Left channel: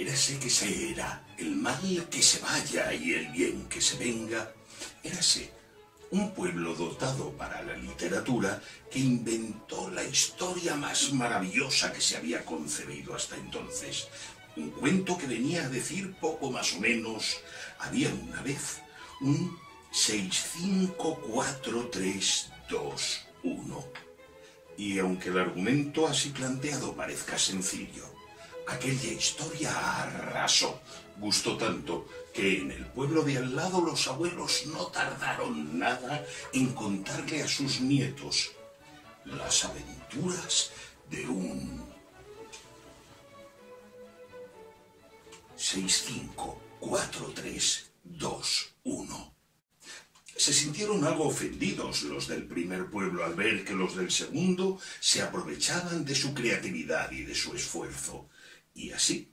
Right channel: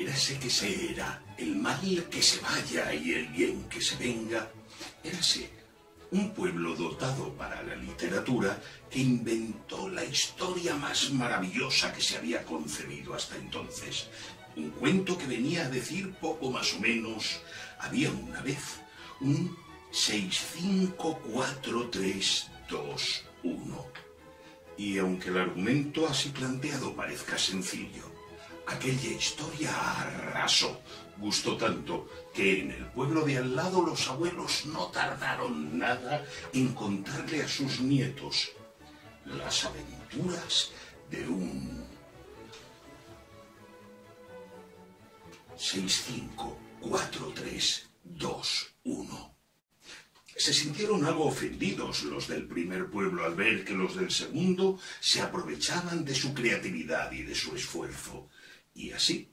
Érase que se era el mal que se vaya y el bien que se venga. Érase un pueblo dotado para la literatura que inventó la historia más maravillosa que se había concebido hasta entonces. Un cuento que venía a decir poco más o menos: había una vez un 65432-1. Y aunque el argumento así planteado parezca sencillo, aquella historia arrasó. Gustó tanto que en el pueblo de al lado los abuelos no tardaron nada en contarle a sus nietos las aventuras de un 65432-1. Se sintieron algo ofendidos los del primer pueblo al ver que los del segundo se aprovechaban de su creatividad y de su esfuerzo. Y así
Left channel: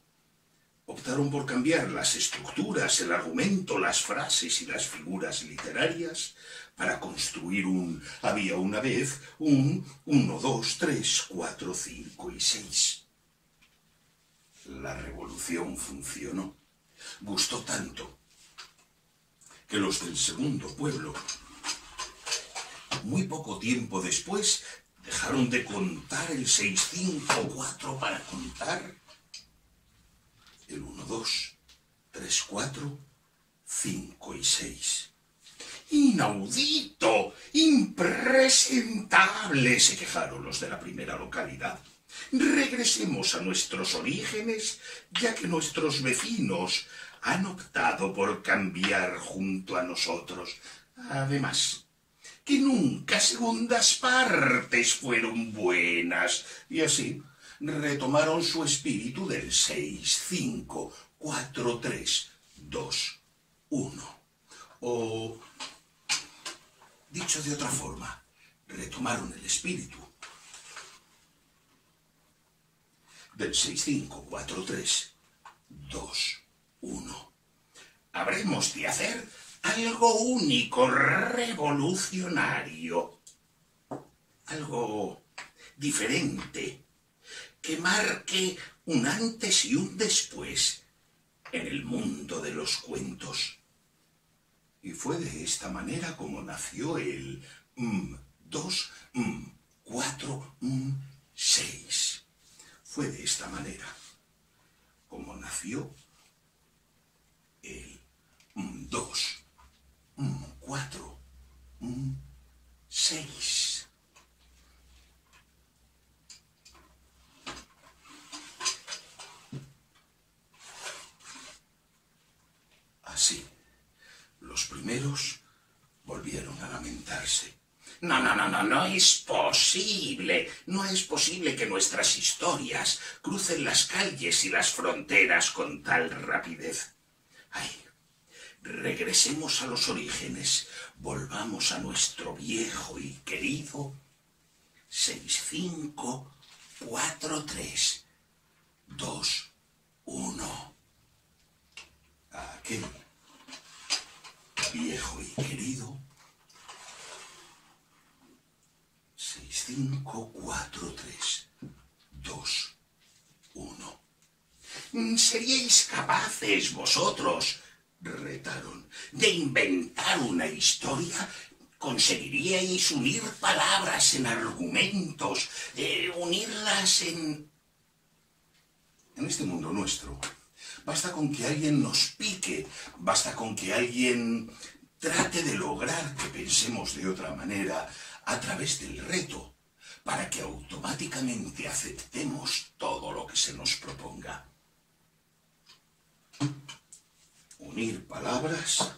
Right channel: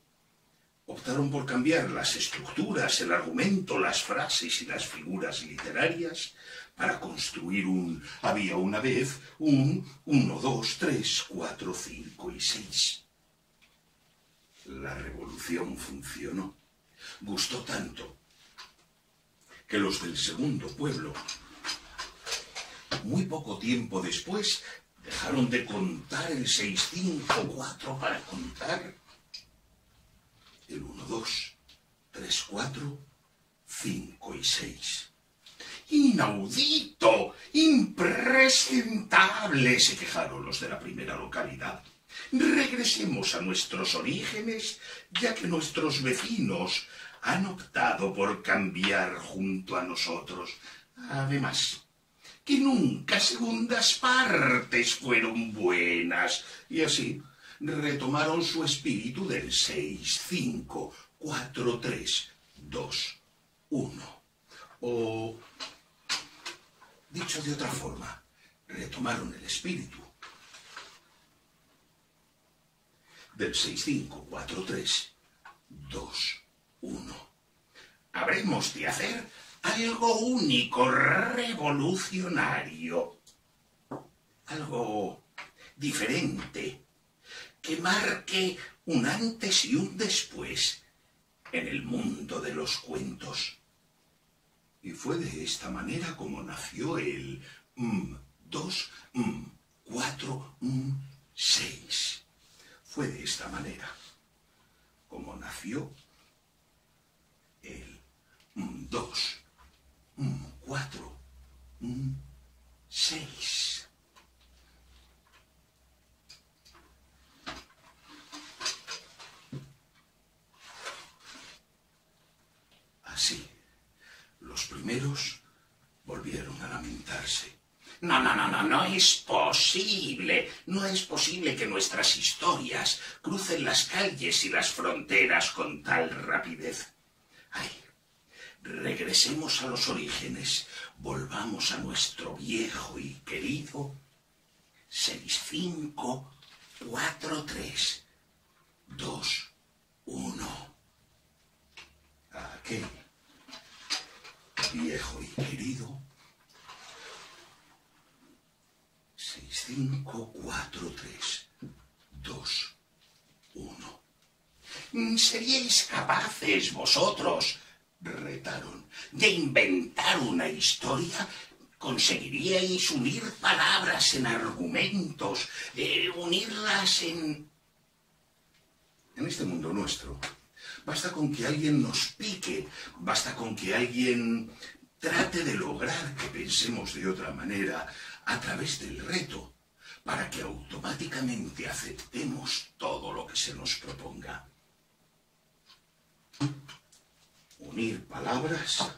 optaron por cambiar las estructuras, el argumento, las frases y las figuras literarias para construir un había una vez, un 1, 2, 3, 4, 5 y 6. La revolución funcionó. Gustó tanto que los del segundo pueblo, muy poco tiempo después, dejaron de contar el 654 para contar el 1, 2, 3, 4, 5 y 6. ¡Inaudito! ¡Impresentable!, se quejaron los de la primera localidad. Regresemos a nuestros orígenes, ya que nuestros vecinos han optado por cambiar junto a nosotros. Además, que nunca segundas partes fueron buenas. Y así retomaron su espíritu del 6, 5, 4, 3, 2, 1. O, dicho de otra forma, retomaron el espíritu del 6, 5, 4, 3, 2, 1. Habremos de hacer algo único, revolucionario, algo diferente, que marque un antes y un después en el mundo de los cuentos. Y fue de esta manera como nació el 2, 4, 6. Fue de esta manera como nació el 2, 4, 6. Así, los primeros volvieron a lamentarse. No es posible. No es posible que nuestras historias crucen las calles y las fronteras con tal rapidez. Ay, regresemos a los orígenes. Volvamos a nuestro viejo y querido 6, 5, 4, 3, 2, 1. Aquel viejo y querido 6, 5, 4, 3, 2, 1. ¿Seríais capaces vosotros, retaron, de inventar una historia? ¿Conseguiríais unir palabras en argumentos, unirlas en este mundo nuestro? Basta con que alguien nos pique, basta con que alguien trate de lograr que pensemos de otra manera a través del reto, para que automáticamente aceptemos todo lo que se nos proponga. Unir palabras,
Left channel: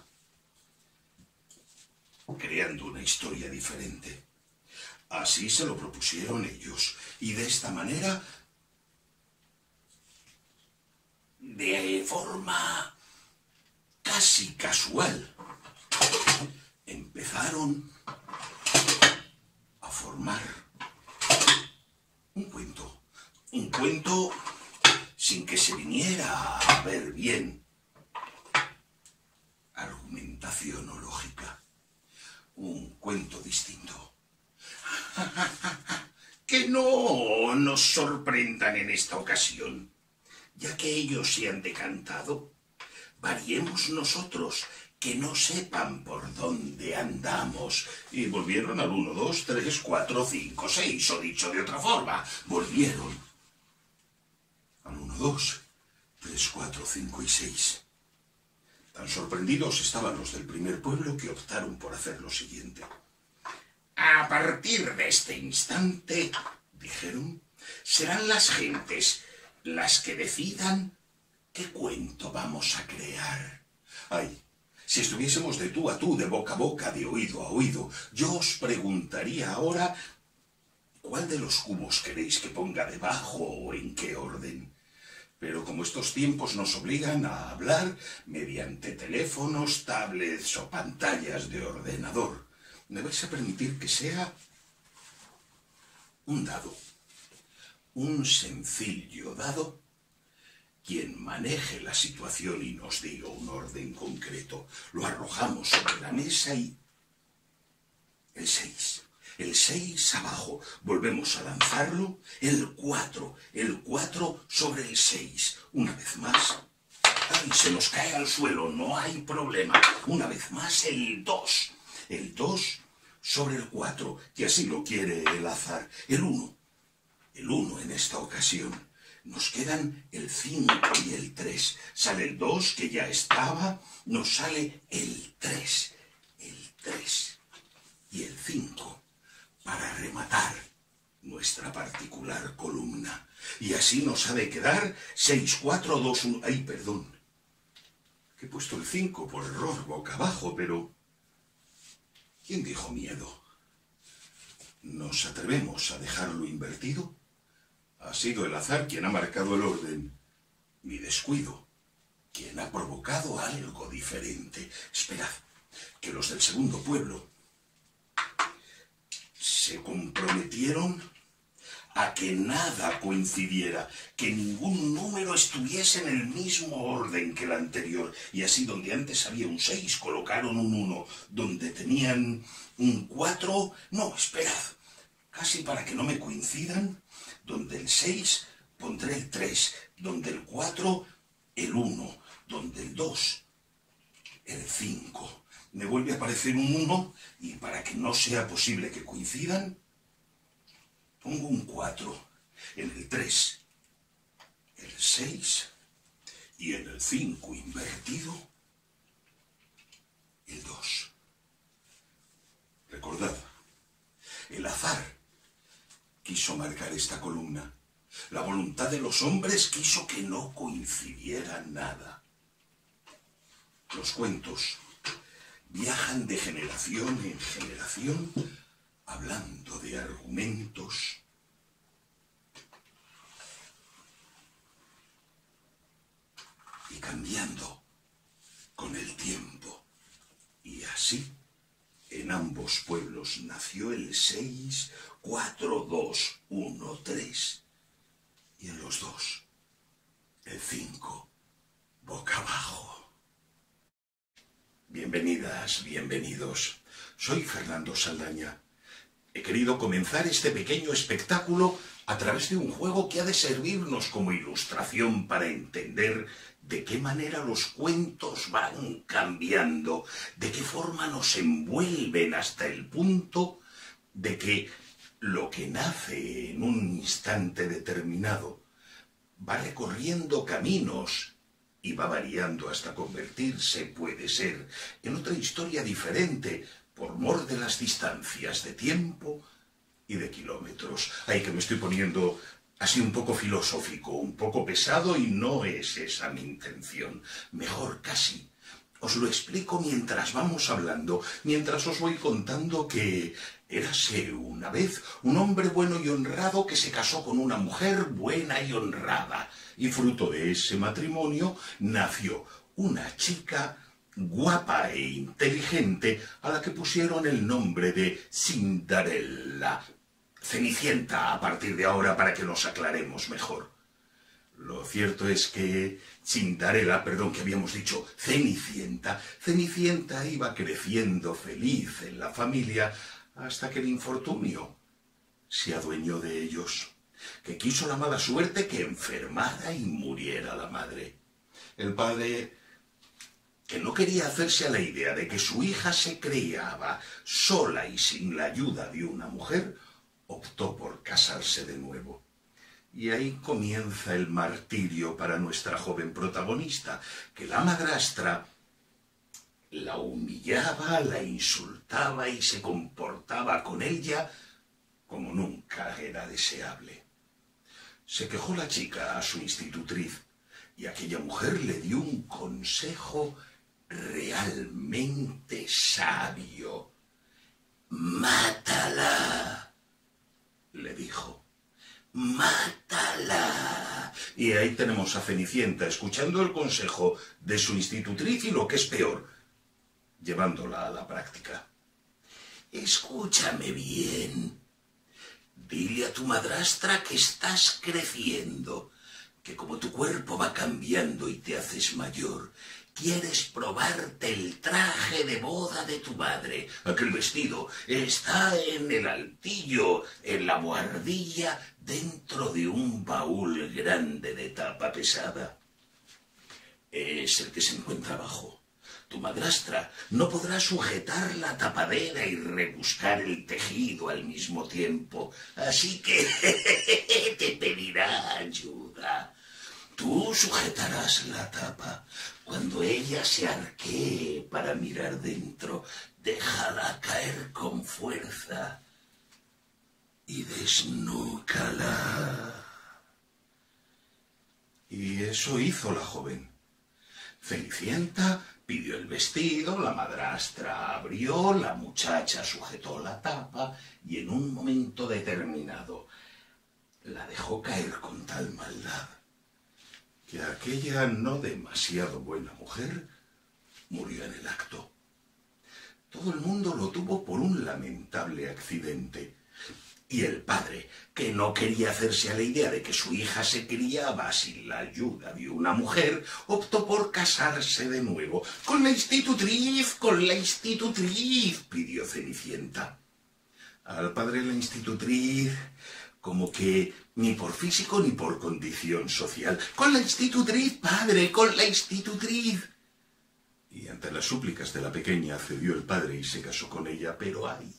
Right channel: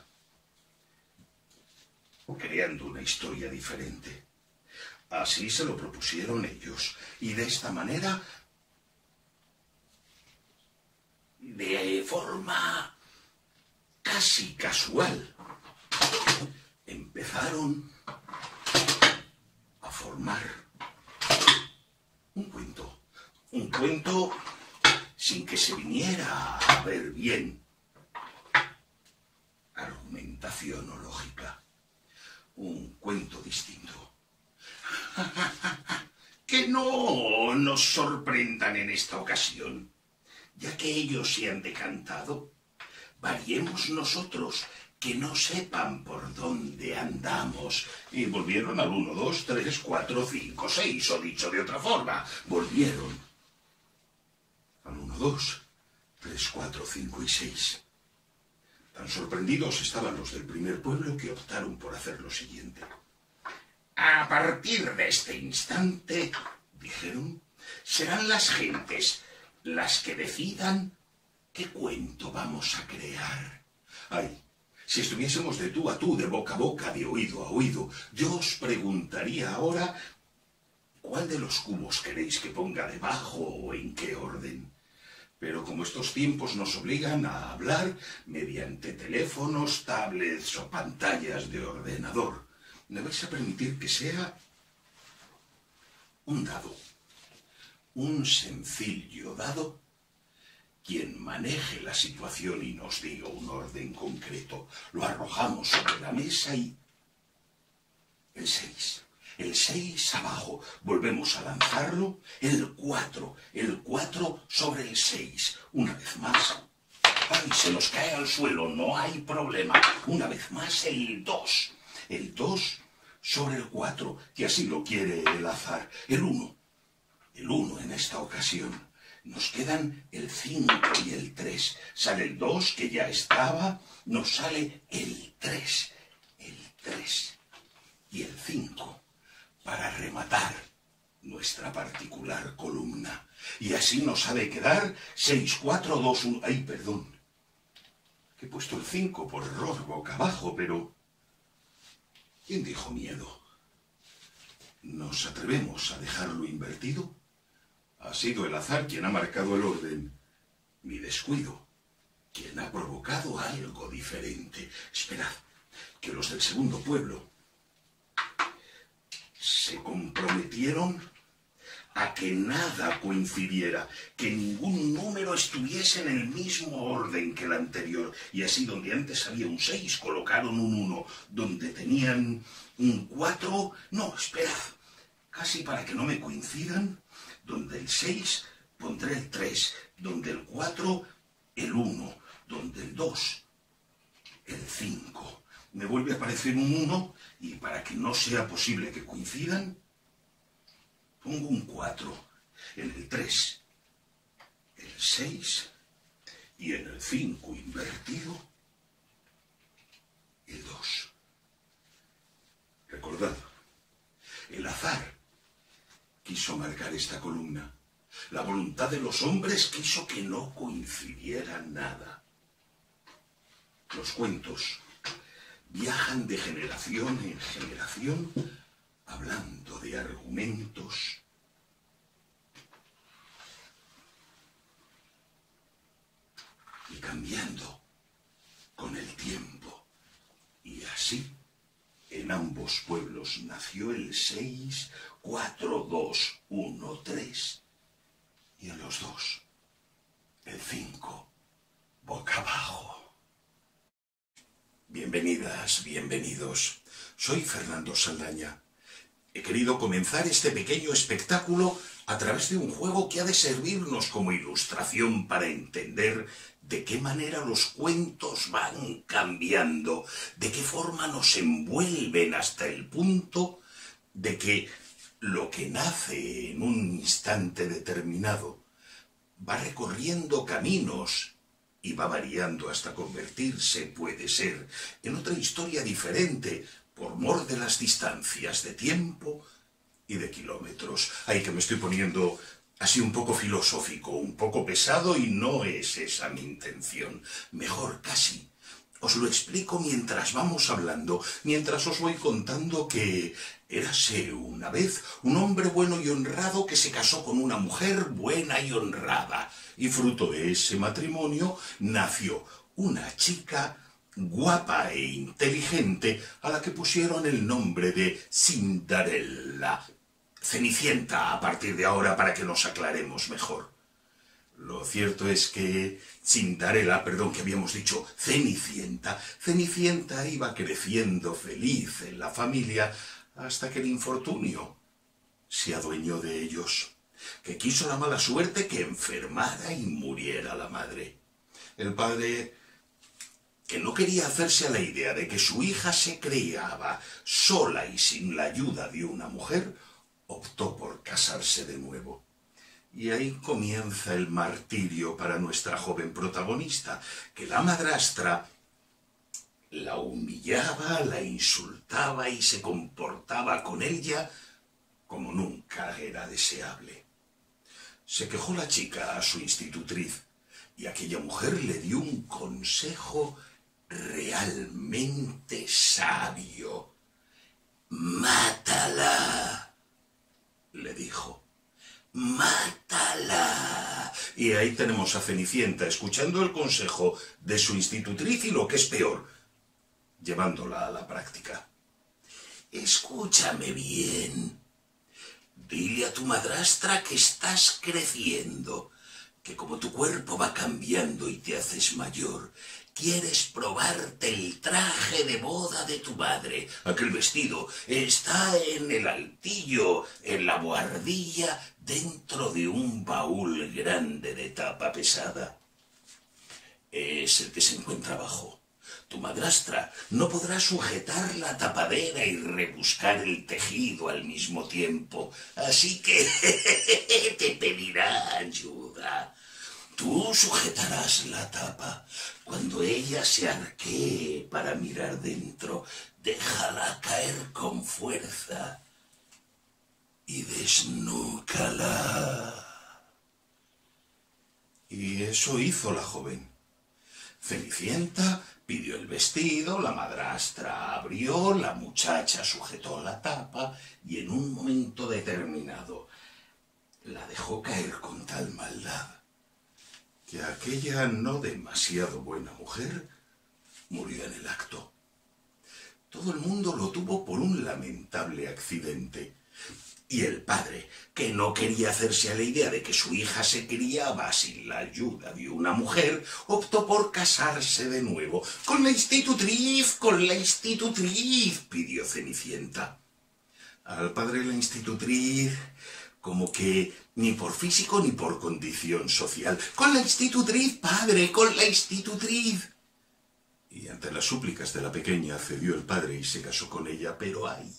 creando una historia diferente. Así se lo propusieron ellos, y de esta manera, de forma casi casual, empezaron a formar un cuento sin que se viniera a ver bien argumentación o lógica, un cuento distinto. Que no nos sorprendan en esta ocasión. Ya que ellos se han decantado, variemos nosotros, que no sepan por dónde andamos. Y volvieron al 1, 2, 3, 4, 5, 6, o dicho de otra forma, volvieron al 1, 2, 3, 4, 5 y 6. Tan sorprendidos estaban los del primer pueblo que optaron por hacer lo siguiente. A partir de este instante, dijeron, serán las gentes las que decidan qué cuento vamos a crear. Ay, si estuviésemos de tú a tú, de boca a boca, de oído a oído, yo os preguntaría ahora ¿cuál de los cubos queréis que ponga debajo o en qué orden? Pero como estos tiempos nos obligan a hablar mediante teléfonos, tablets o pantallas de ordenador, me vais a permitir que sea un dado, un sencillo dado. Quien maneje la situación y nos diga un orden concreto, lo arrojamos sobre la mesa y... el 6. El 6 abajo. Volvemos a lanzarlo. El 4 sobre el 6. Una vez más. ¡Ay! Se nos cae al suelo. No hay problema. Una vez más el 2. El 2 sobre el 4, que así lo quiere el azar. El 1. El 1 en esta ocasión. Nos quedan el 5 y el 3. Sale el 2, que ya estaba. Nos sale el 3. El 3 y el 5 para rematar nuestra particular columna. Y así nos ha de quedar 6, 4, 2, 1... ¡Ay, perdón! Que he puesto el 5 por error boca abajo, pero... ¿quién dijo miedo? ¿Nos atrevemos a dejarlo invertido? Ha sido el azar quien ha marcado el orden. Mi descuido, quien ha provocado algo diferente. Esperad, que los del segundo pueblo se comprometieron a que nada coincidiera, que ningún número estuviese en el mismo orden que el anterior. Y así, donde antes había un 6, colocaron un 1. Donde tenían un 4... no, esperad, casi para que no me coincidan... donde el 6 pondré el 3, donde el 4 el 1, donde el 2 el 5. Me vuelve a aparecer un 1 y para que no sea posible que coincidan, pongo un 4. En el 3 el 6 y en el 5 invertido el 2. Recordad, el azar quiso marcar esta columna. La voluntad de los hombres quiso que no coincidiera nada. Los cuentos viajan de generación en generación hablando de argumentos y cambiando con el tiempo. Y así, en ambos pueblos nació el 6, 4, 2, 1, 3. Y en los dos, el 5, boca abajo. Bienvenidas, bienvenidos. Soy Fernando Saldaña. He querido comenzar este pequeño espectáculo a través de un juego que ha de servirnos como ilustración para entender de qué manera los cuentos van cambiando, de qué forma nos envuelven hasta el punto de que lo que nace en un instante determinado va recorriendo caminos y va variando hasta convertirse, puede ser, en otra historia diferente por mor de las distancias de tiempo y de kilómetros. Ay, que me estoy poniendo así un poco filosófico, un poco pesado, y no es esa mi intención. Mejor casi os lo explico mientras vamos hablando, mientras os voy contando que érase una vez un hombre bueno y honrado que se casó con una mujer buena y honrada, y fruto de ese matrimonio nació una chica guapa e inteligente a la que pusieron el nombre de Cinderella. Cenicienta a partir de ahora, para que nos aclaremos mejor. Lo cierto es que Cinderella, perdón, que habíamos dicho Cenicienta iba creciendo feliz en la familia hasta que el infortunio se adueñó de ellos. que quiso la mala suerte que enfermara y muriera la madre. El padre, que no quería hacerse a la idea de que su hija se criaba sola y sin la ayuda de una mujer, optó por casarse de nuevo. Y ahí comienza el martirio para nuestra joven protagonista, que la madrastra la humillaba, la insultaba y se comportaba con ella como nunca era deseable. Se quejó la chica a su institutriz y aquella mujer le dio un consejo realmente sabio. «Mátala», le dijo. «Mátala». Y ahí tenemos a Cenicienta escuchando el consejo de su institutriz y, lo que es peor, llevándola a la práctica. «Escúchame bien. Dile a tu madrastra que estás creciendo, que como tu cuerpo va cambiando y te haces mayor, quieres probarte el traje de boda de tu madre. Aquel vestido está en el altillo, en la buhardilla, dentro de un baúl grande de tapa pesada. Es el que se encuentra abajo. Tu madrastra no podrá sujetar la tapadera y rebuscar el tejido al mismo tiempo, así que te pedirá ayuda. Tú sujetarás la tapa. Cuando ella se arquee para mirar dentro, déjala caer con fuerza y desnúcala». Y eso hizo la joven. Cenicienta pidió el vestido, la madrastra abrió, la muchacha sujetó la tapa y en un momento determinado la dejó caer con tal maldad que aquella no demasiado buena mujer murió en el acto. Todo el mundo lo tuvo por un lamentable accidente. Y el padre, que no quería hacerse a la idea de que su hija se criaba sin la ayuda de una mujer, optó por casarse de nuevo. «Con la institutriz, pidió Cenicienta. Al padre la institutriz, como que ni por físico ni por condición social. «Con la institutriz, padre, con la institutriz». Y ante las súplicas de la pequeña cedió el padre y se casó con ella, pero ¡ay!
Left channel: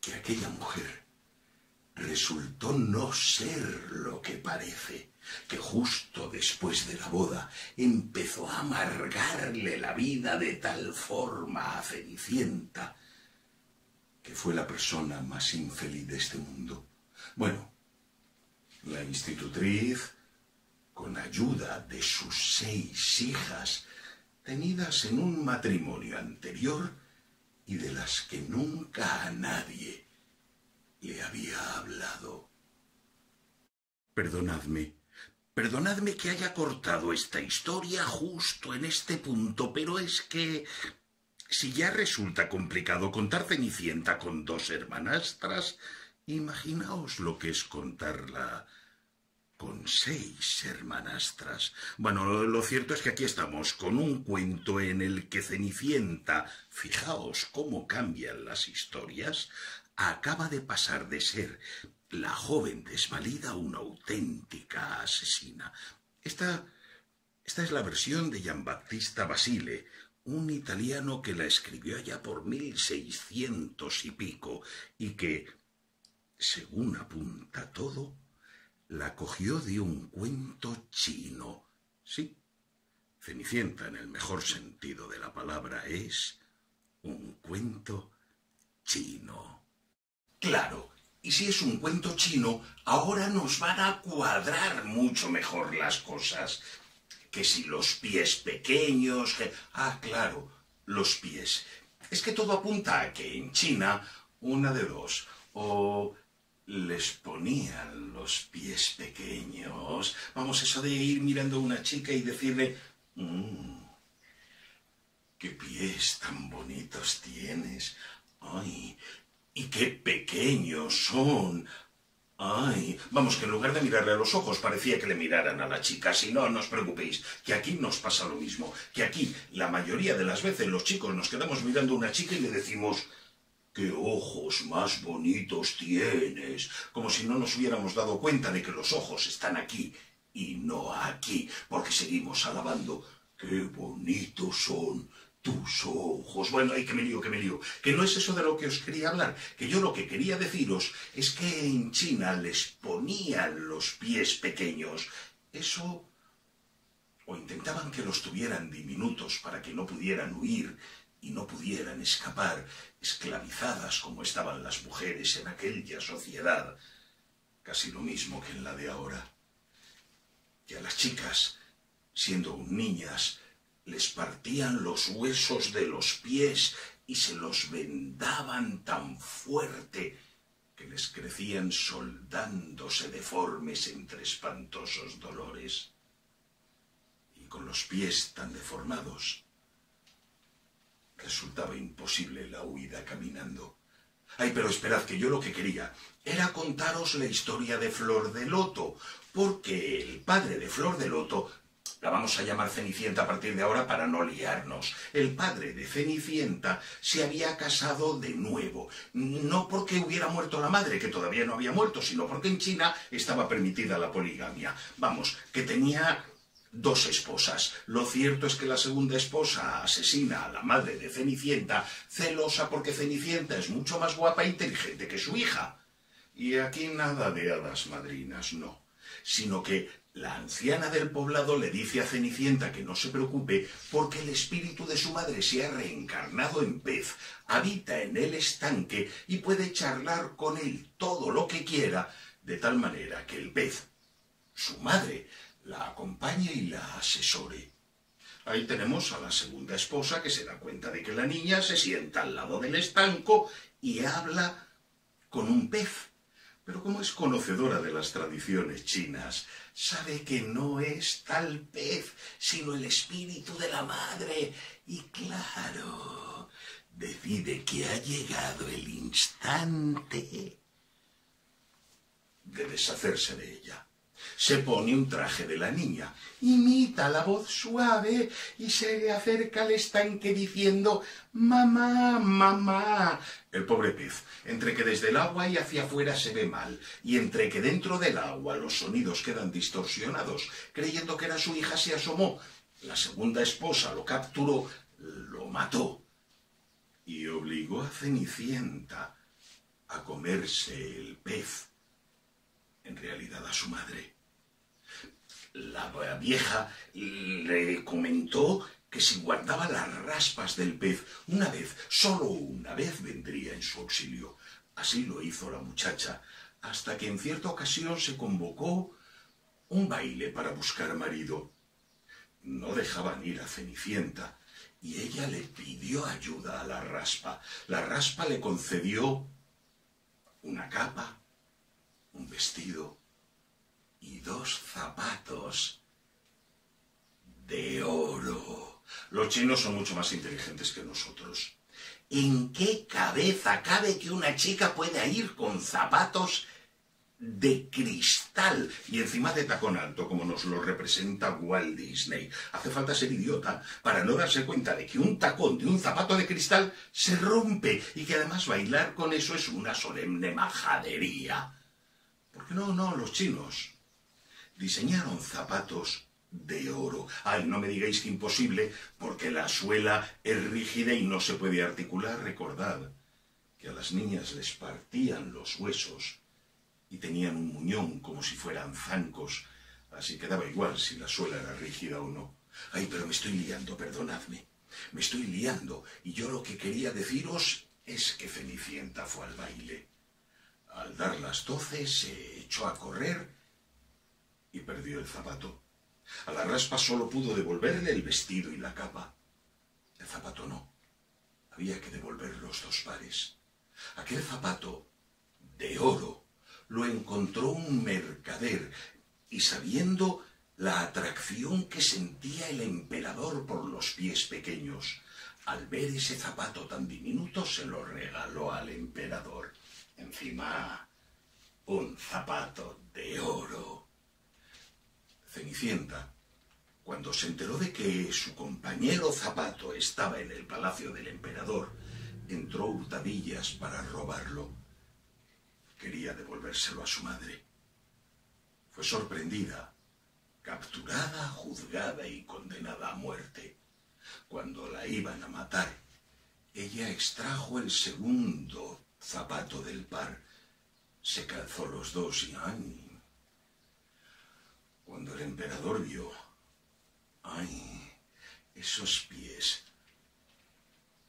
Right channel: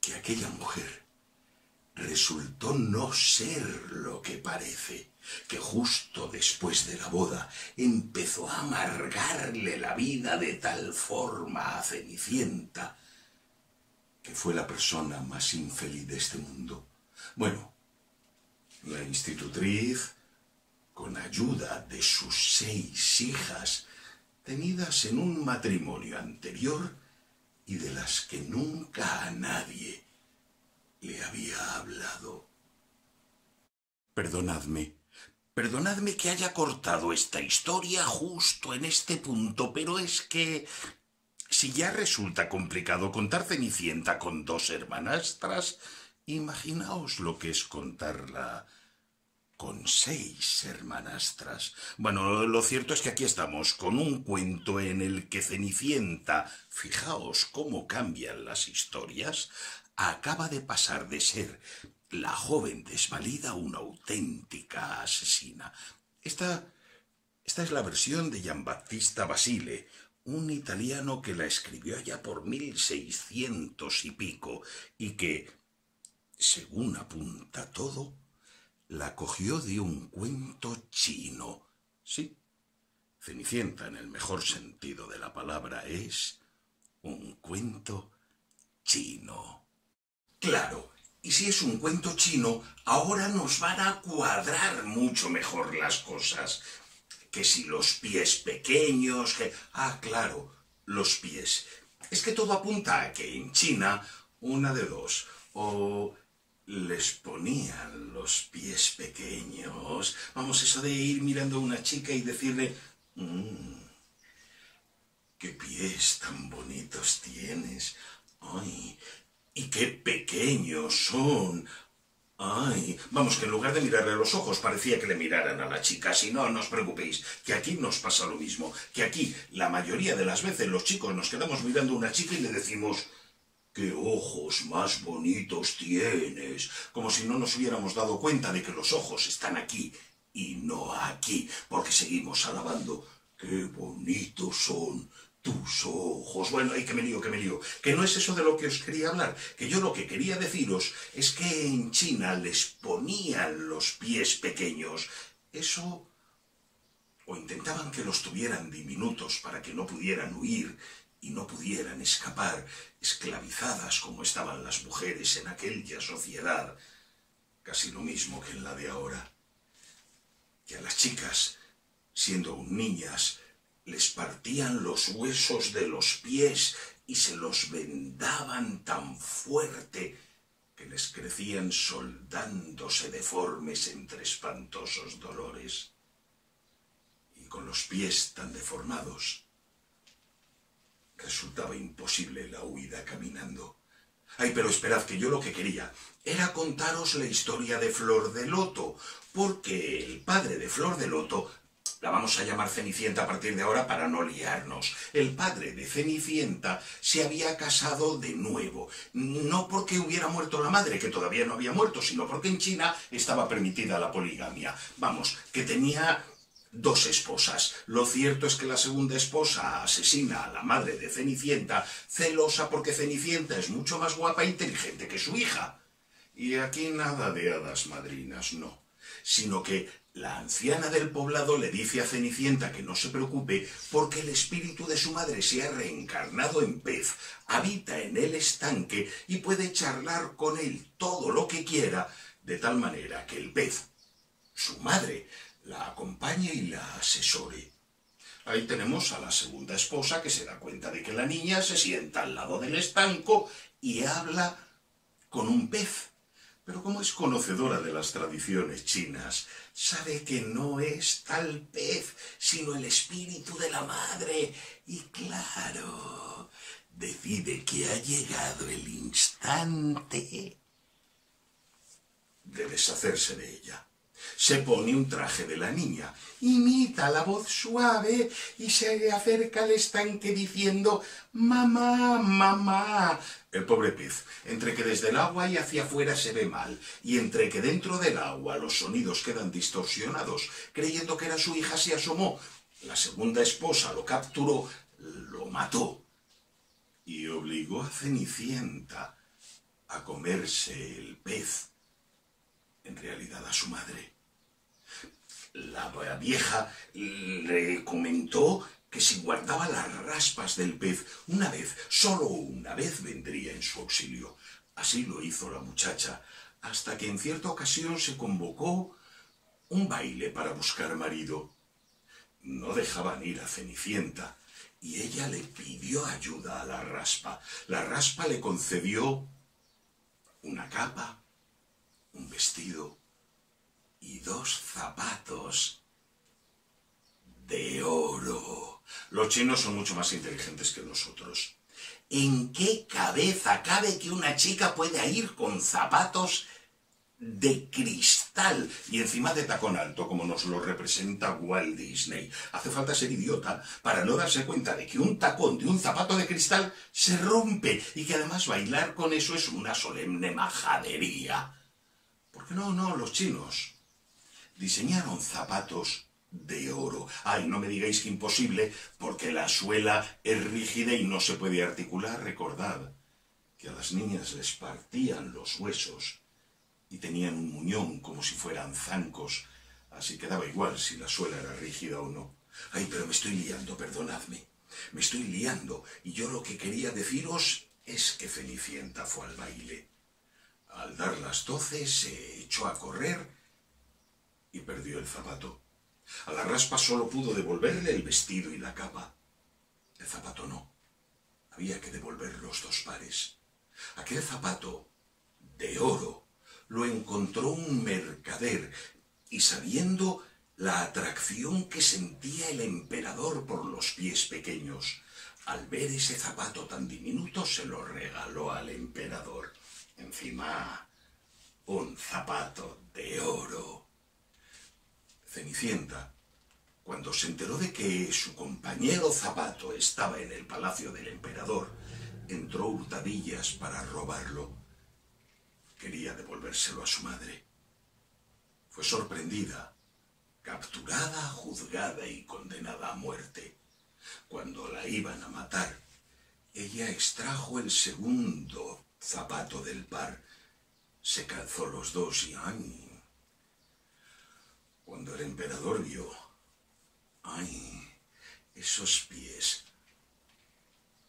Que aquella mujer resultó no ser lo que parece, que justo después de la boda empezó a amargarle la vida de tal forma a Cenicienta que fue la persona más infeliz de este mundo. Bueno, la institutriz, con ayuda de sus 6 hijas, tenidas en un matrimonio anterior, y de las que nunca a nadie le había hablado. Perdonadme que haya cortado esta historia justo en este punto, pero es que si ya resulta complicado contar Cenicienta con 2 hermanastras, imaginaos lo que es contarla con 6 hermanastras. Bueno, lo cierto es que aquí estamos con un cuento en el que Cenicienta, fijaos cómo cambian las historias, acaba de pasar de ser la joven desvalida a una auténtica asesina. Esta es la versión de Giambattista Basile, un italiano que la escribió allá por 1600 y pico, y que, según apunta todo, la cogió de un cuento chino. Sí, Cenicienta, en el mejor sentido de la palabra, es un cuento chino. Claro, y si es un cuento chino, ahora nos van a cuadrar mucho mejor las cosas. Que si los pies pequeños, que... Ah, claro, los pies. Es que todo apunta a que en China, una de dos, o les ponían los pies pequeños. Vamos, eso de ir mirando a una chica y decirle, qué pies tan bonitos tienes. Ay, y qué pequeños son. Ay, vamos, que en lugar de mirarle a los ojos parecía que le miraran a la chica. Si no, no os preocupéis, que aquí nos pasa lo mismo. Que aquí, la mayoría de las veces, los chicos nos quedamos mirando a una chica y le decimos, ¡Qué ojos más bonitos tienes! Como si no nos hubiéramos dado cuenta de que los ojos están aquí y no aquí, porque seguimos alabando. ¡Qué bonitos son tus ojos! Bueno, ay, que me lío, que no es eso de lo que os quería hablar, que yo lo que quería deciros es que en China les ponían los pies pequeños. Eso, o intentaban que los tuvieran diminutos para que no pudieran huir y no pudieran escapar, esclavizadas como estaban las mujeres en aquella sociedad, casi lo mismo que en la de ahora, que a las chicas, siendo niñas, les partían los huesos de los pies y se los vendaban tan fuerte que les crecían soldándose deformes entre espantosos dolores. Y con los pies tan deformados, resultaba imposible la huida caminando. Ay, pero esperad, que yo lo que quería era contaros la historia de Flor de Loto, porque el padre de Flor de Loto, la vamos a llamar Cenicienta a partir de ahora para no liarnos, el padre de Cenicienta se había casado de nuevo, no porque hubiera muerto la madre, que todavía no había muerto, sino porque en China estaba permitida la poligamia. Vamos, que tenía 2 esposas. Lo cierto es que la segunda esposa asesina a la madre de Cenicienta, celosa porque Cenicienta es mucho más guapa e inteligente que su hija. Y aquí nada de hadas madrinas, no, sino que la anciana del poblado le dice a Cenicienta que no se preocupe porque el espíritu de su madre se ha reencarnado en pez, habita en el estanque y puede charlar con él todo lo que quiera, de tal manera que el pez, su madre, la acompañe y la asesore. Ahí tenemos a la segunda esposa que se da cuenta de que la niña se sienta al lado del estanco y habla con un pez. Pero como es conocedora de las tradiciones chinas, sabe que no es tal pez, sino el espíritu de la madre. Y claro, decide que ha llegado el instante de deshacerse de ella. Se pone un traje de la niña, imita la voz suave y se acerca al estanque diciendo «Mamá, mamá». El pobre pez, entre que desde el agua y hacia afuera se ve mal, y entre que dentro del agua los sonidos quedan distorsionados, creyendo que era su hija, se asomó. La segunda esposa lo capturó, lo mató y obligó a Cenicienta a comerse el pez, en realidad a su madre. La vieja le comentó que si guardaba las raspas del pez una vez, solo una vez, vendría en su auxilio. Así lo hizo la muchacha, hasta que en cierta ocasión se convocó un baile para buscar marido. No dejaban ir a Cenicienta, y ella le pidió ayuda a la raspa. La raspa le concedió una capa, un vestido y 2 zapatos de oro. Los chinos son mucho más inteligentes que nosotros. ¿En qué cabeza cabe que una chica pueda ir con zapatos de cristal y encima de tacón alto, como nos lo representa Walt Disney? Hace falta ser idiota para no darse cuenta de que un tacón de un zapato de cristal se rompe y que además bailar con eso es una solemne majadería. Porque no, los chinos diseñaron zapatos de oro. Ay, no me digáis que imposible, porque la suela es rígida y no se puede articular. Recordad que a las niñas les partían los huesos y tenían un muñón como si fueran zancos, así que daba igual si la suela era rígida o no. Ay, pero me estoy liando, perdonadme. Me estoy liando, y yo lo que quería deciros es que Cenicienta fue al baile. Al dar las 12 se echó a correr y perdió el zapato. A la raspa solo pudo devolverle el vestido y la capa. El zapato no. Había que devolver los 2 pares. Aquel zapato de oro lo encontró un mercader y, sabiendo la atracción que sentía el emperador por los pies pequeños, al ver ese zapato tan diminuto se lo regaló al emperador. Encima, un zapato de oro. Cenicienta, cuando se enteró de que su compañero zapato estaba en el palacio del emperador, entró hurtadillas para robarlo. Quería devolvérselo a su madre. Fue sorprendida, capturada, juzgada y condenada a muerte. Cuando la iban a matar, ella extrajo el segundo zapato del par, se calzó los dos y ¡ay! Cuando el emperador vio, ¡ay! Esos pies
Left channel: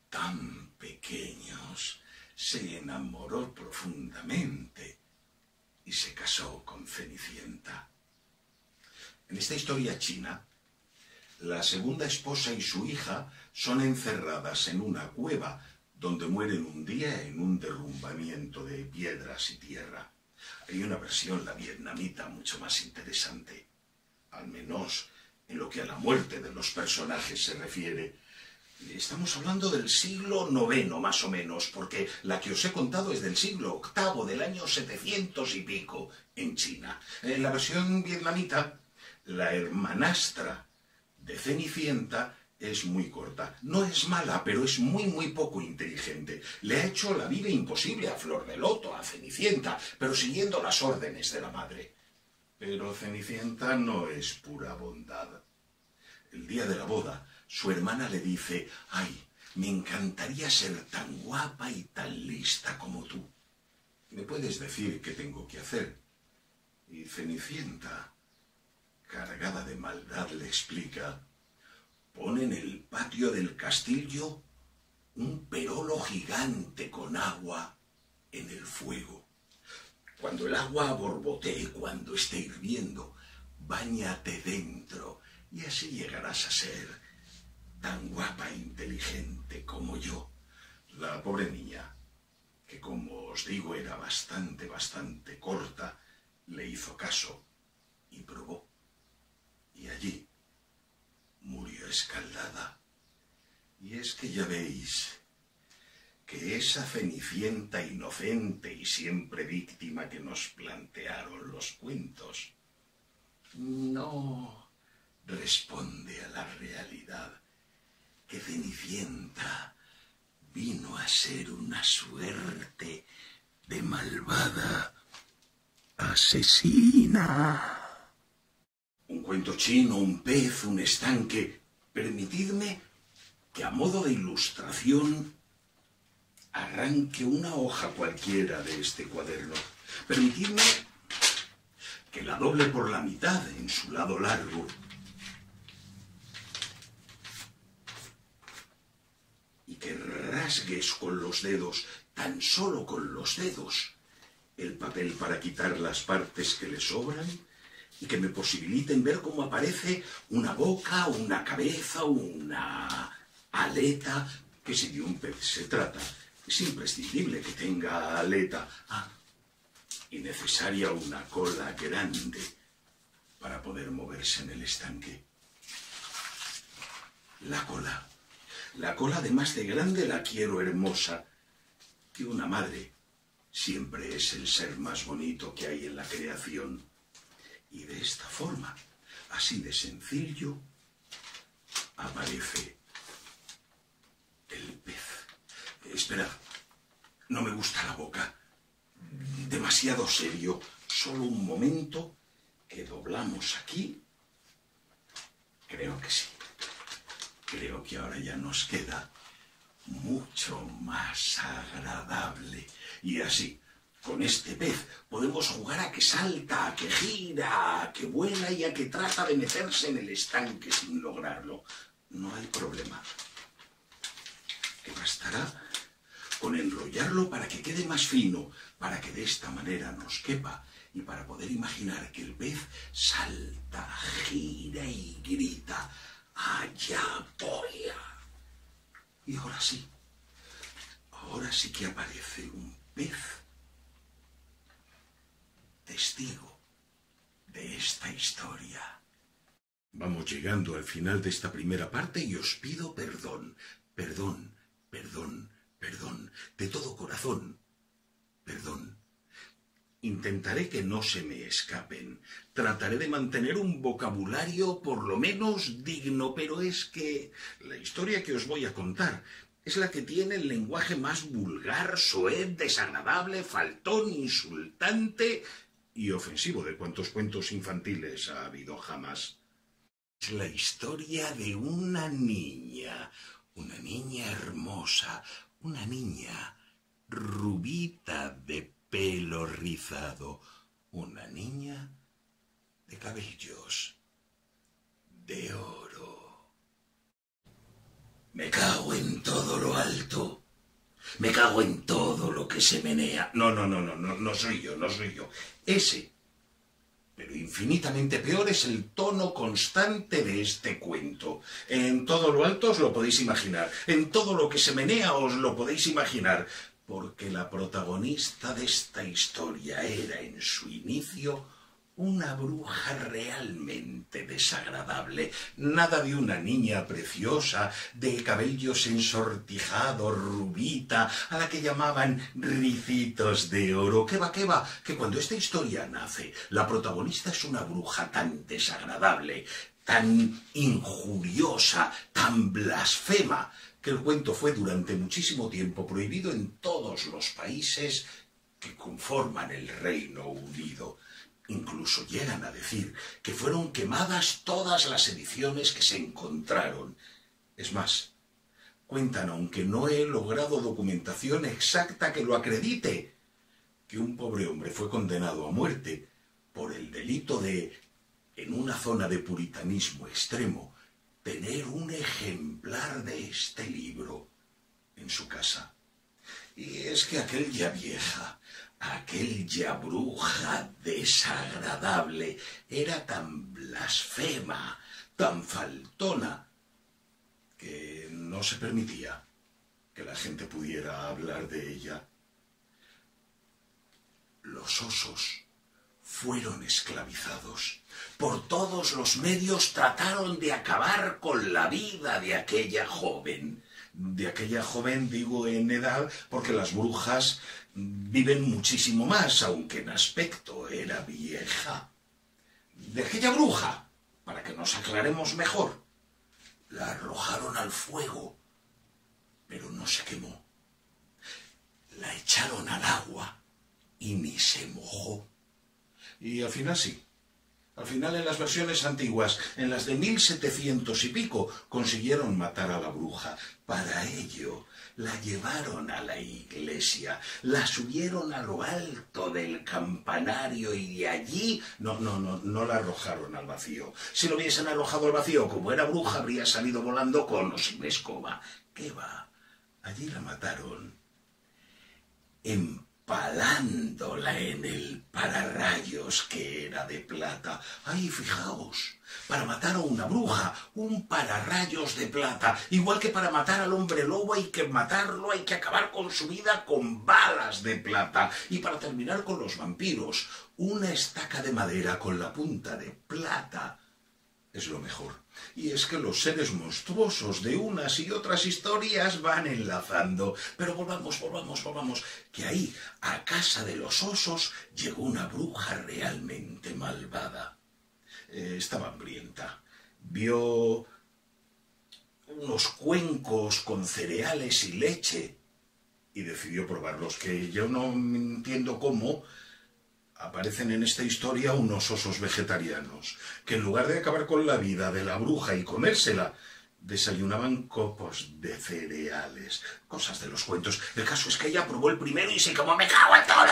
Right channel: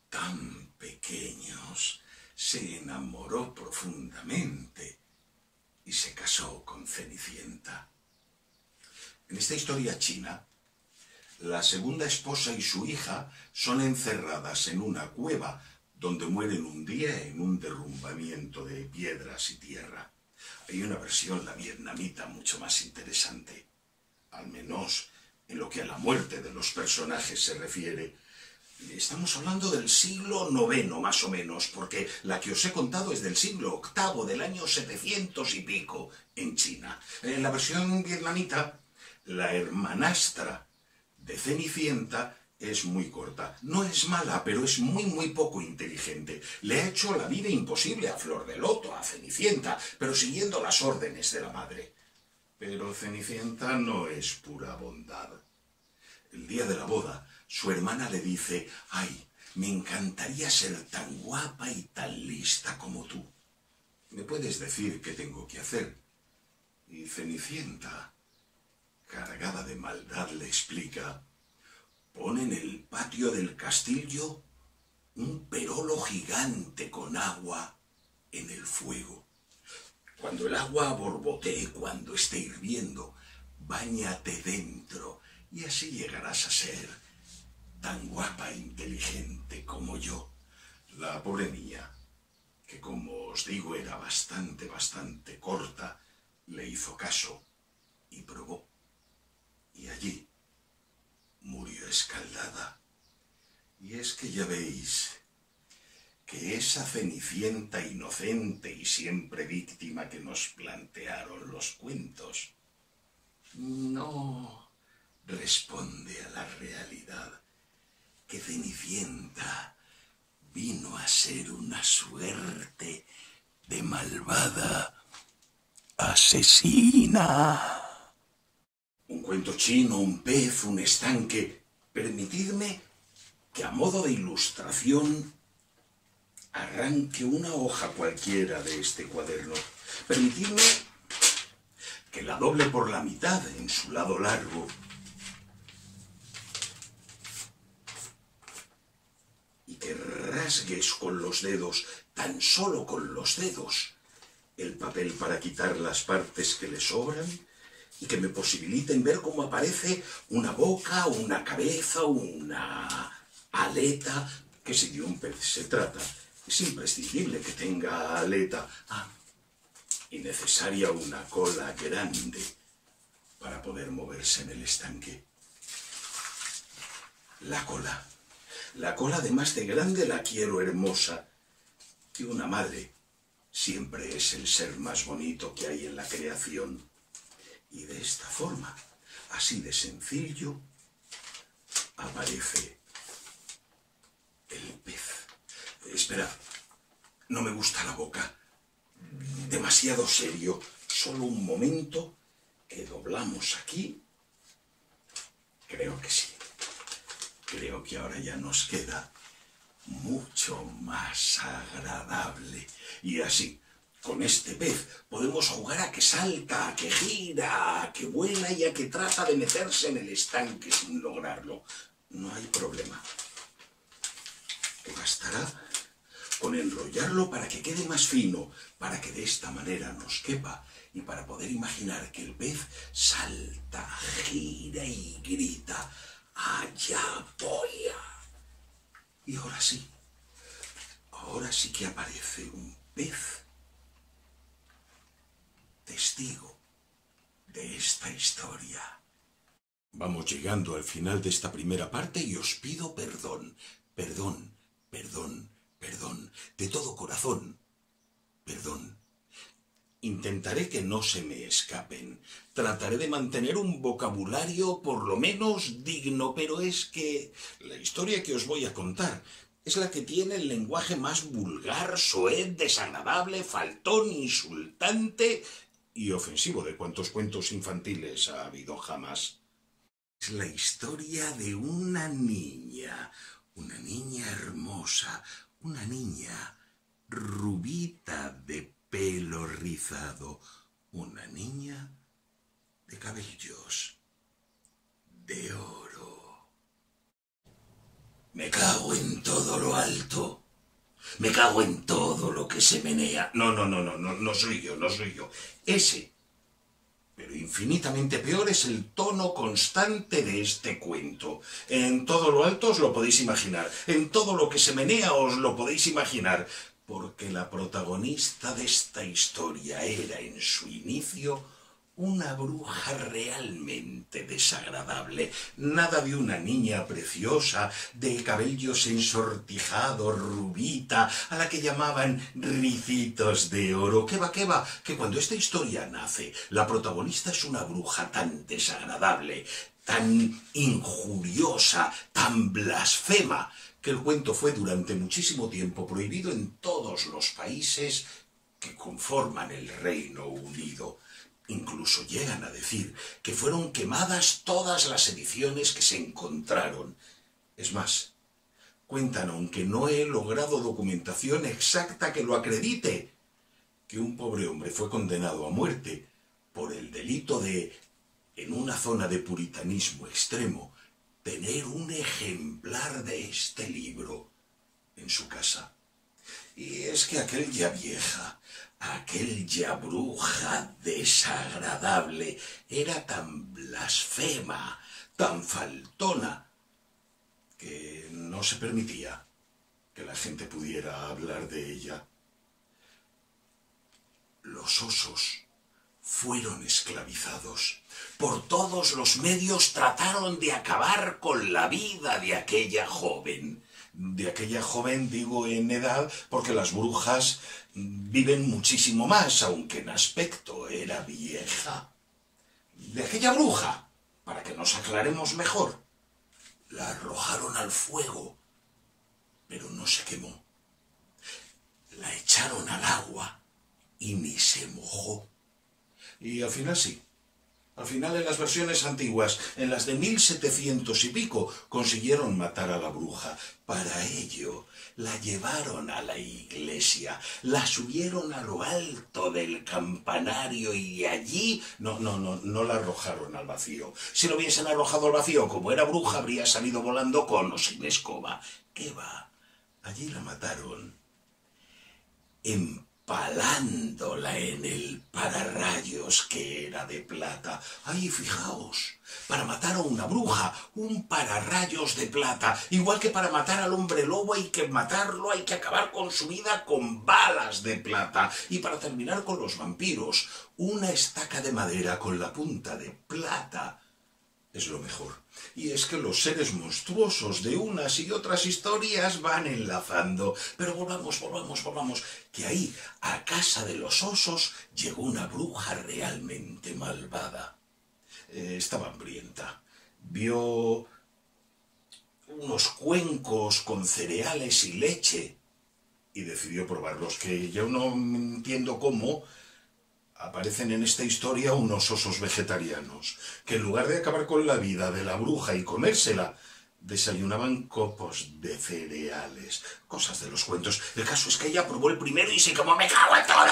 tan pequeños, se enamoró profundamente y se casó con Cenicienta. En esta historia china, la segunda esposa y su hija son encerradas en una cueva donde mueren un día en un derrumbamiento de piedras y tierra. Hay una versión, la vietnamita, mucho más interesante, al menos en lo que a la muerte de los personajes se refiere. Estamos hablando del siglo IX, más o menos, porque la que os he contado es del siglo VIII, del año 700 y pico, en China. En la versión vietnamita, la hermanastra de Cenicienta es muy corta. No es mala, pero es muy poco inteligente. Le ha hecho la vida imposible a Flor de Loto, a Cenicienta, pero siguiendo las órdenes de la madre. Pero Cenicienta no es pura bondad. El día de la boda, su hermana le dice, «Ay, me encantaría ser tan guapa y tan lista como tú. ¿Me puedes decir qué tengo que hacer?» Y Cenicienta, cargada de maldad, le explica, «Pon en el patio del castillo un perolo gigante con agua en el fuego. Cuando el agua borbotee, cuando esté hirviendo, báñate dentro y así llegarás a ser tan guapa e inteligente como yo». La pobre niña, que como os digo era bastante corta, le hizo caso y probó. Y allí murió escaldada. Y es que ya veis que esa Cenicienta inocente y siempre víctima que nos plantearon los cuentos no responde a la realidad, que Cenicienta vino a ser una suerte de malvada asesina. Un cuento chino, un pez, un estanque. Permitidme que a modo de ilustración arranque una hoja cualquiera de este cuaderno. Permitidme que la doble por la mitad en su lado largo y que rasgues con los dedos, tan solo con los dedos, el papel para quitar las partes que le sobran y que me posibiliten ver cómo aparece una boca, una cabeza, una aleta, que si de un pez se trata, es imprescindible que tenga aleta. Y necesaria una cola grande para poder moverse en el estanque. La cola además de grande la quiero hermosa, que una madre siempre es el ser más bonito que hay en la creación. Y de esta forma, así de sencillo, aparece el pez. Espera, no me gusta la boca. Demasiado serio. Solo un momento, que doblamos aquí. Creo que sí. Creo que ahora ya nos queda mucho más agradable. Y así, con este pez podemos jugar a que salta, a que gira, a que vuela y a que trata de meterse en el estanque sin lograrlo. No hay problema. Que bastará con enrollarlo para que quede más fino, para que de esta manera nos quepa y para poder imaginar que el pez salta, gira y grita, «¡Allá voy!». Y ahora sí que aparece un pez testigo de esta historia. Vamos llegando al final de esta primera parte y os pido perdón, de todo corazón, perdón. Intentaré que no se me escapen. Trataré de mantener un vocabulario por lo menos digno, pero es que la historia que os voy a contar es la que tiene el lenguaje más vulgar, soez, desagradable, faltón, insultante y ofensivo de cuantos cuentos infantiles ha habido jamás. Es la historia de una niña hermosa, una niña rubita de pelo rizado, una niña de cabellos de oro. Me cago en todo lo alto. Me cago en todo lo que se menea. No soy yo. Ese, pero infinitamente peor, es el tono constante de este cuento. En todo lo alto os lo podéis imaginar. En todo lo que se menea os lo podéis imaginar. Porque la protagonista de esta historia era en su inicio una bruja realmente desagradable. Nada de una niña preciosa, de cabellos ensortijados, rubita, a la que llamaban ricitos de oro. ¿Qué va? Que cuando esta historia nace, la protagonista es una bruja tan desagradable, tan injuriosa, tan blasfema, que el cuento fue durante muchísimo tiempo prohibido en todos los países que conforman el Reino Unido. Incluso llegan a decir que fueron quemadas todas las ediciones que se encontraron. Es más, cuentan, aunque no he logrado documentación exacta que lo acredite, que un pobre hombre fue condenado a muerte por el delito de, en una zona de puritanismo extremo, tener un ejemplar de este libro en su casa. Y es que aquella vieja, aquella bruja desagradable, era tan blasfema, tan faltona, que no se permitía que la gente pudiera hablar de ella. Los osos fueron esclavizados. Por todos los medios trataron de acabar con la vida de aquella joven. De aquella joven digo en edad, porque las brujas viven muchísimo más, aunque en aspecto era vieja. De aquella bruja, para que nos aclaremos mejor, la arrojaron al fuego, pero no se quemó. La echaron al agua y ni se mojó. Y al final sí. Al final, en las versiones antiguas, en las de 1700 y pico, consiguieron matar a la bruja. Para ello, la llevaron a la iglesia, la subieron a lo alto del campanario y allí... No la arrojaron al vacío. Si lo hubiesen arrojado al vacío, como era bruja, habría salido volando con o sin escoba. ¿Qué va? Allí la mataron empalándola en el pararrayos que era de plata. Ahí, fijaos, para matar a una bruja, un pararrayos de plata. Igual que para matar al hombre lobo hay que matarlo, hay que acabar con su vida con balas de plata. Y para terminar con los vampiros, una estaca de madera con la punta de plata es lo mejor. Y es que los seres monstruosos de unas y otras historias van enlazando. Pero volvamos, que ahí, a casa de los osos, llegó una bruja realmente malvada. Estaba hambrienta. Vio unos cuencos con cereales y leche y decidió probarlos, que yo no entiendo cómo aparecen en esta historia unos osos vegetarianos, que en lugar de acabar con la vida de la bruja y comérsela, desayunaban copos de cereales. Cosas de los cuentos. El caso es que ella probó el primero y se como me cago en todo,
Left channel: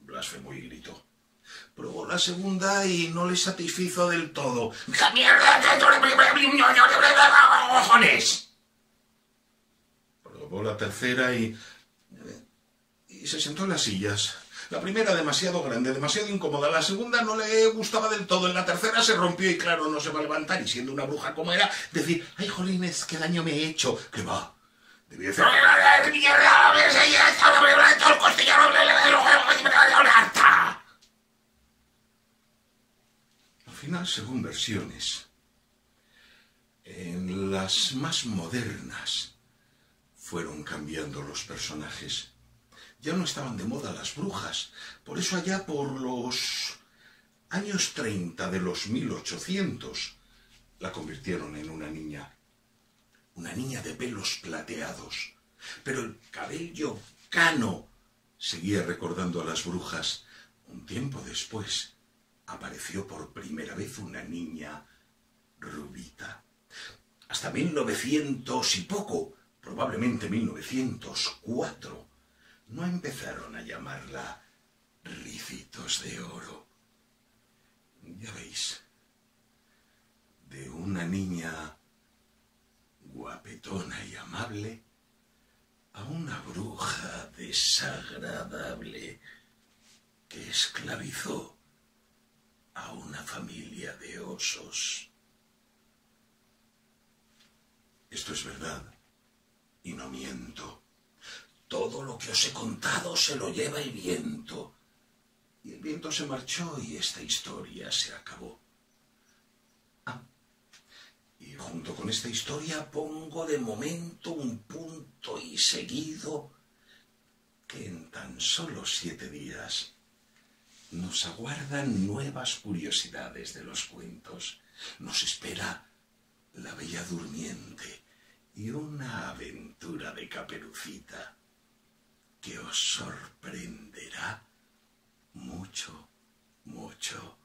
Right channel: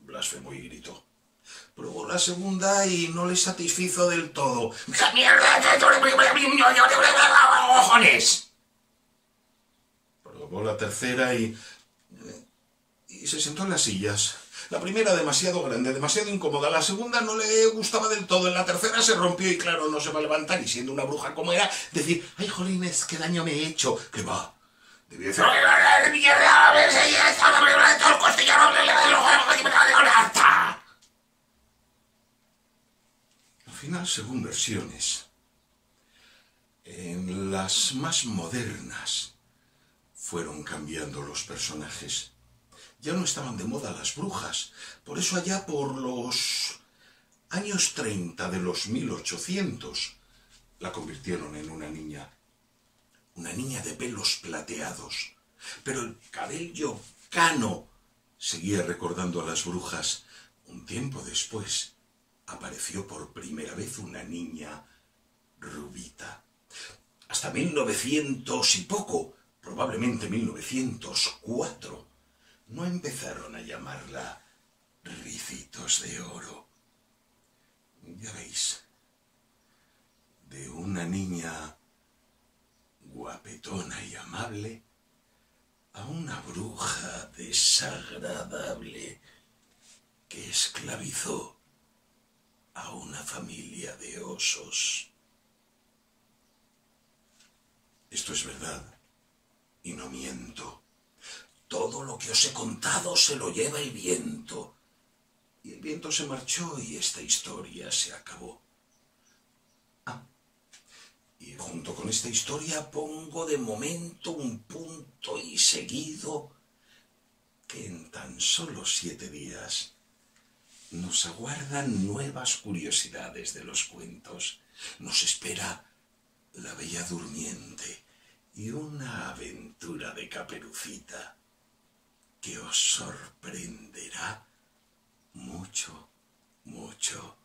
blasfemó y gritó. Probó la segunda y no le satisfizo del todo. ¡Cojones! Probó la tercera y se sentó en las sillas. La primera demasiado grande, demasiado incómoda. La segunda no le gustaba del todo. En la tercera se rompió y claro, no se va a levantar. Y siendo una bruja como era, decir, ay, jolines, qué daño me he hecho. ¿Qué va? Debía hacer... Al final, según versiones, en las más modernas fueron cambiando los personajes. Ya no estaban de moda las brujas. Por eso allá por los años 30 de los 1800 la convirtieron en una niña una niña de pelos plateados, pero el cabello cano. Seguía recordando a las brujas. Un tiempo después apareció por primera vez una niña rubita. Hasta 1900 y poco, probablemente 1904, no empezaron a llamarla Ricitos de Oro. Ya veis, de una niña guapetona y amable a una bruja desagradable que esclavizó a una familia de osos. Esto es verdad, y no miento. Todo lo que os he contado se lo lleva el viento. Y el viento se marchó y esta historia se acabó. Y junto con esta historia pongo de momento un punto y seguido que en tan solo 7 días nos aguardan nuevas curiosidades de los cuentos. Nos espera La Bella Durmiente y una aventura de Caperucita que os sorprenderá mucho, mucho,